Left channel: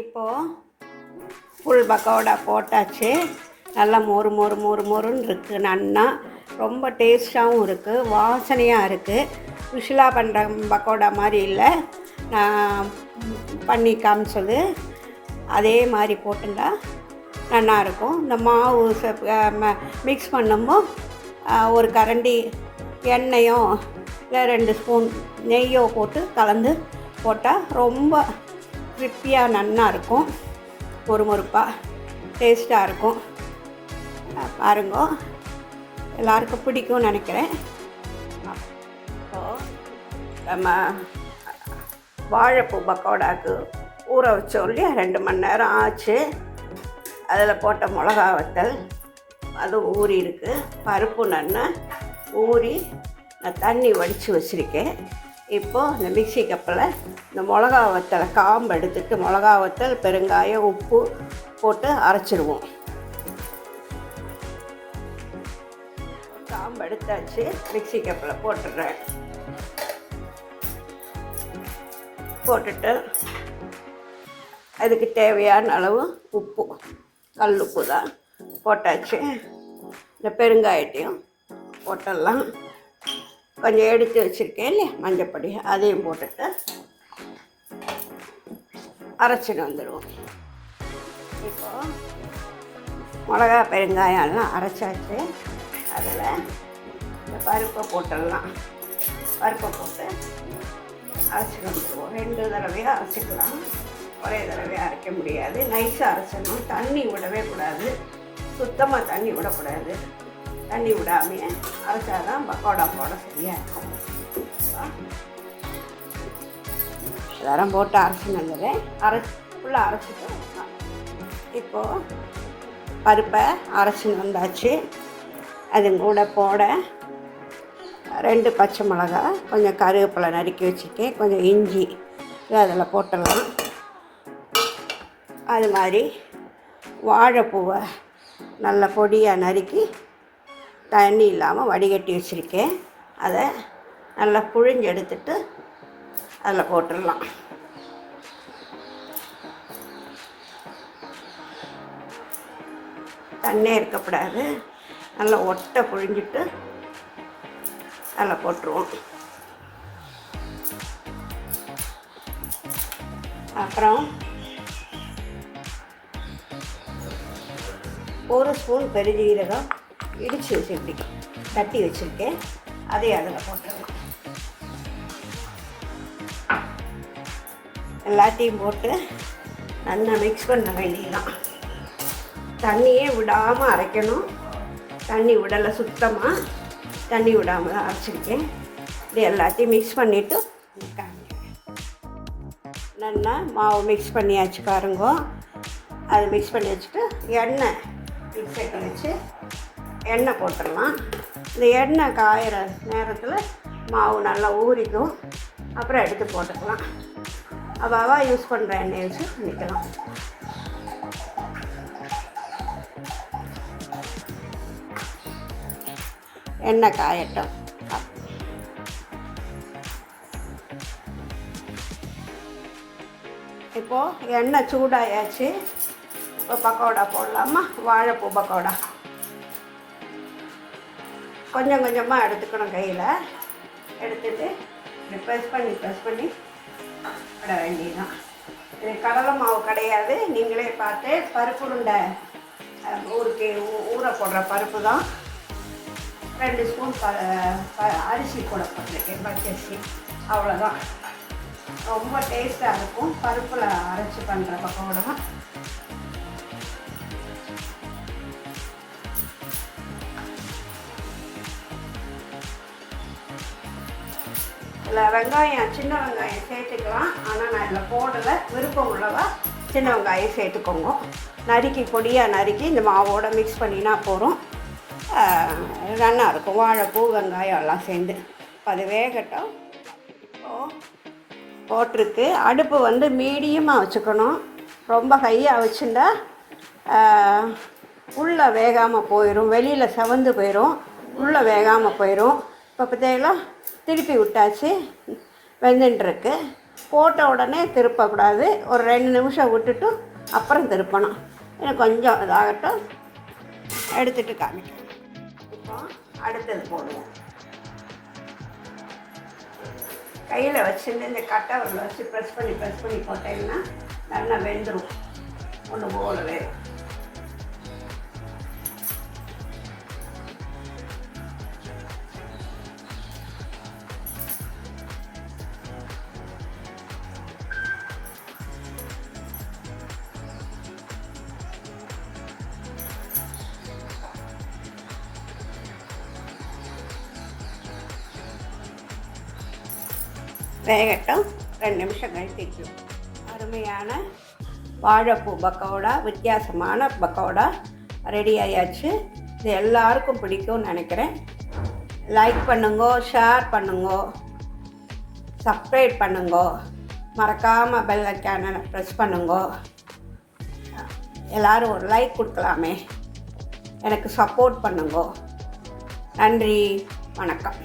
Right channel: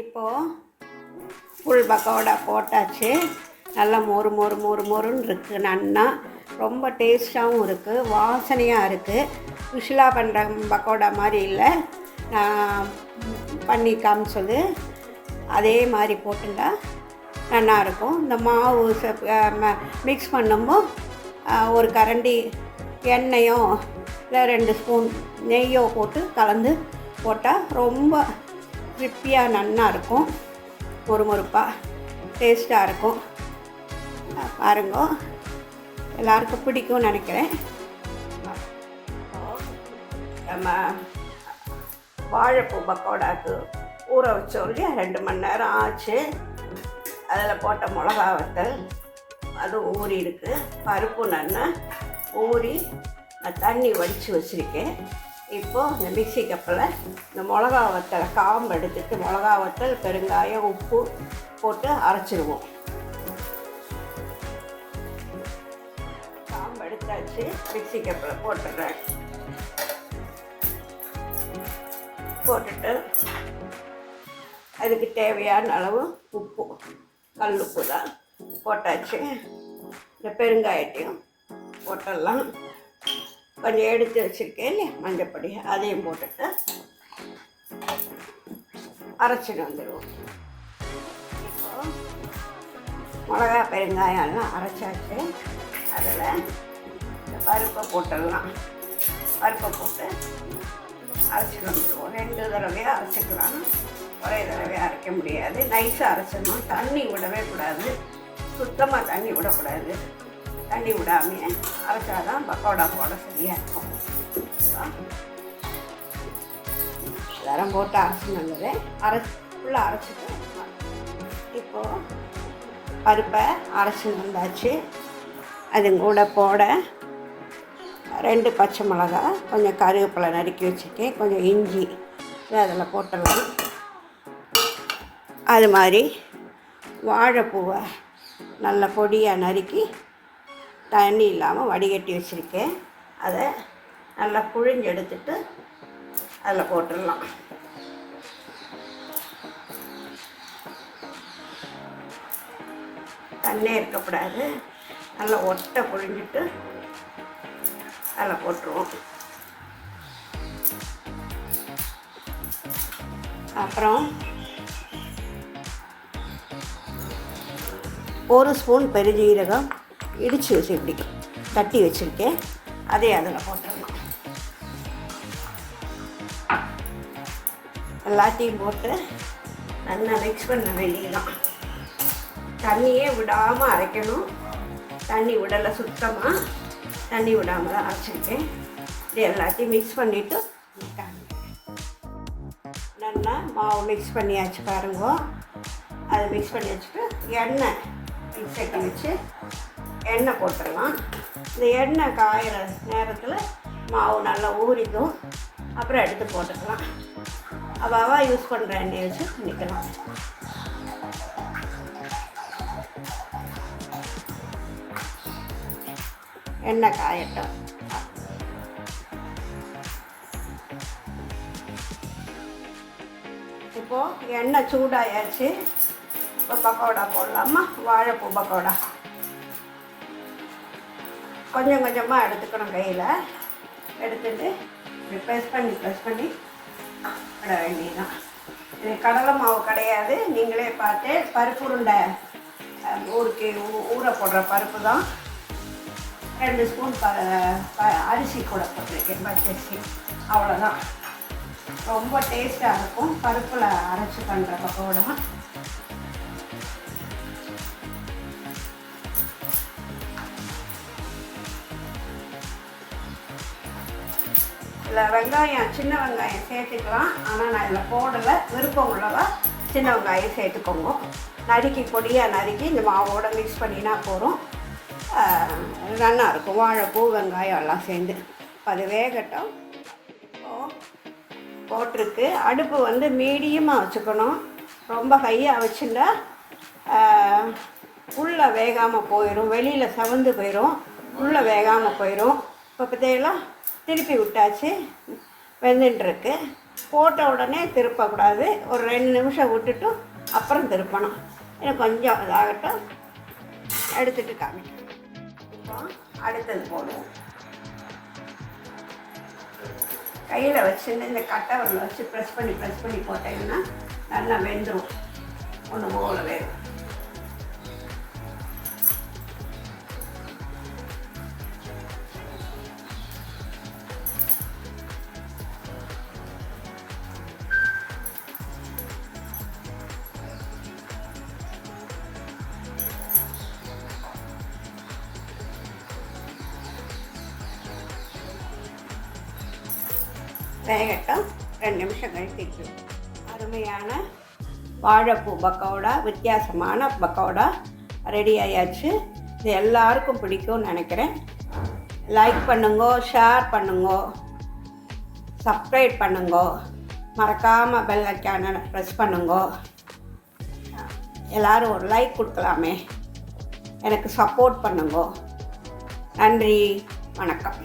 இப்போது ஃபுல் பக்கோடா போட்டாச்சு. நல்லா மொறு மொறு மொறு மொறுன்னு இருக்குது. நல்லா ரொம்ப டேஸ்ட்டாகவும் இருக்குது, வாசனையாக இருக்குது. யூஸ்வலா பண்ணுற பக்கோடா மாதிரி இல்லை, பண்ணி காமிச்சது அதே மாதிரி போட்டுட்டா நல்லாயிருக்கும். இந்த மாவு மிக்ஸ் பண்ணும்போது ஒரு கரண்டி எண்ணெயோ இல்லை 2 ஸ்பூன் நெய்யோ போட்டு கலந்து போட்டால் ரொம்ப கிரிப்பியாக நல்லா இருக்கும், மொறுமொறுப்பாக டேஸ்ட்டாக இருக்கும். பாருங்க, எல்லாருக்கும் பிடிக்கும்னு நினைக்கிறேன். நம்ம வாழைப்பூ பக்கோடாவுக்கு ஊற வச்சோடனே 2 மணி நேரம் ஆச்சு. அதில் போட்ட மிளகா வத்தல் அது ஊறி இருக்குது. பருப்பு நல்லா ஊறி நான் தண்ணி வடித்து வச்சுருக்கேன். இப்போது இந்த மிக்ஸி கப்பில் இந்த மிளகா வத்தலை காம்பு எடுத்துட்டு மிளகா வத்தல், பெருங்காயம், உப்பு போட்டு அரைச்சிடுவோம். காம்பு எடுத்தாச்சு, மிக்ஸி கப்பில் போட்டுடுறேன். போட்டுட்டு அதுக்கு தேவையான அளவு உப்பு, கல் உப்பு தான் போட்டாச்சு. இந்த பெருங்காயத்தையும் போட்டுடலாம். கொஞ்சம் எடுத்து வச்சுருக்கேன் இல்லையா மஞ்சப்பொடி, அதையும் போட்டுட்டு அரைச்சிட்டு வந்துடுவோம். இப்போ மிளகா பெருங்காயம் எல்லாம் அரைச்சாச்சு. அதில் இந்த பருப்பை போட்டுடலாம். பருப்பை போட்டு அரைச்சிட்டு வந்துடுவோம். 2 தடவையாக அரைச்சிக்கலாம், ஒரே தடவையாக அரைக்க முடியாது. நைஸாக அரைச்சிடணும், தண்ணி விடவே கூடாது, சுத்தமாக தண்ணி விடக்கூடாது. தண்ணி விடாமையே அரைச்சாதான் பக்கோடா போட சரியாக இருக்கும். எல்லாரும் போட்டு அரைச்சி நல்லது. ஃபுல்லாக அரைச்சிட்டு இப்போது பருப்பை அரைச்சின்னு வந்தாச்சு. அது கூட போட 2 பச்சை மிளகா, கொஞ்சம் கருவேப்பிலை நறுக்கி வச்சுருக்கேன், கொஞ்சம் இஞ்சி அதில் போட்டுடலாம். அது மாதிரி வாழைப்பூவை நல்ல பொடியாக நறுக்கி தண்ணி இல்லாமல் வடிகட்டி வச்சுருக்கேன். அதை நல்லா புழிஞ்சு எடுத்துட்டு அதில் போட்டுடலாம். தண்ணே இருக்கக்கூடாது, நல்லா ஒட்டை புழிஞ்சிட்டு அதில் போட்டுருவோம். அப்புறம் 1 ஸ்பூன் பெருஞ்சீரகம் இடித்து வச்சு இப்படி தட்டி வச்சுருக்கேன், அதே அதில் போட்டுருவேன். எல்லாத்தையும் போட்டு நல்லா மிக்ஸ் பண்ண வேண்டியதான். தண்ணியே விடாமல் அரைக்கணும். தண்ணி விடலை, சுத்தமாக தண்ணி விடாமல் தான் அரைச்சிருக்கேன். இது எல்லாத்தையும் மிக்ஸ் பண்ணிவிட்டு நல்லா மாவு மிக்ஸ் பண்ணியாச்சு பாருங்க. அது மிக்ஸ் பண்ணி வச்சுட்டு எண்ணெய் மிக்ஸை வச்சு எண்ணெய் போட்டுடலாம். இந்த எண்ணெய் காயிற நேரத்தில் மாவு நல்லா ஊறிக்கும். அப்புறம் எடுத்து போட்டுக்கலாம். அவாவா யூஸ் பண்ணுற எண்ணெயை வச்சு பண்ணிக்கலாம். எண்ணெய் காயட்டும். இப்போது எண்ணெய் சூடாயாச்சு. இப்போ பக்கோடா போடலாமா? வாழைப்பூ பக்கோடா கொஞ்சம் கொஞ்சமாக எடுத்துக்கணும். கையில் எடுத்துட்டு ப்ரெஸ் பண்ணி விட வேண்டியதுதான். எனக்கு கடலை மாவு கிடையாது, நீங்களே பார்த்து பருப்பு உருண்டை ஊருக்கு ஊற போடுற பருப்பு தான். 2 ஸ்பூன் அரிசி கூட போட்டிருக்கேன், பச்சரிசி. அவ்வளோதான். ரொம்ப டேஸ்ட்டாக இருக்கும் பருப்பில் அரைச்சி பண்ணுற பக்கோடா. இதில் வெங்காயம், சின்ன வெங்காயம் சேர்த்துக்கலாம். ஆனால் நான் இதில் போடலை. விருப்பம் உள்ளவா சின்ன வெங்காயம் சேர்த்துக்கோங்க. நறுக்கி பொடியாக நறுக்கி இந்த மாவோட மிக்ஸ் பண்ணினா போகிறோம். நல்லா இருக்கும். வாழைப்பூ வெங்காயம் எல்லாம் சேர்ந்து அது வேகட்டும். போட்டிருக்கு. அடுப்பு வந்து மீடியமாக வச்சுக்கணும். ரொம்ப ஹையாக வச்சுட்டா உள்ளே வேகாமல் போயிடும், வெளியில் செவந்து போயிடும், உள்ளே வேகாமல் போயிடும். இப்போ பார்த்தீங்களா, திருப்பி விட்டாச்சு, வெந்துட்டுருக்கு. போட்ட உடனே திருப்பக்கூடாது. ஒரு 2 நிமிஷம் விட்டுட்டு அப்புறம் திருப்பணும். இன்னும் கொஞ்சம் இதாகட்டும், எடுத்துகிட்டு காமிக்கிறேன். இப்போ அடுத்தது போடுவோம். கையில் வச்சுட்டு இந்த கட்டை வச்சு ப்ரெஸ் பண்ணி போட்டிங்கன்னா நல்லா வெந்துடும். ஒன்று போல வேகும். வேகட்டும். 2 நிமிஷம் கழிச்சு அருமையான வாழைப்பூ பக்கோடா, வித்தியாசமான பக்கோடா ரெடி ஆயாச்சு. இது எல்லாருக்கும் பிடிக்கும்னு நினைக்கிறேன். லைக் பண்ணுங்கோ, ஷேர் பண்ணுங்கோ, சப்ஸ்கிரைப் பண்ணுங்கோ, மறக்காமல் பெல் ஐக்கானை ப்ரெஸ் பண்ணுங்கோ. எல்லோரும் ஒரு லைக் கொடுக்கலாமே, எனக்கு சப்போர்ட் பண்ணுங்கோ. நன்றி, வணக்கம்.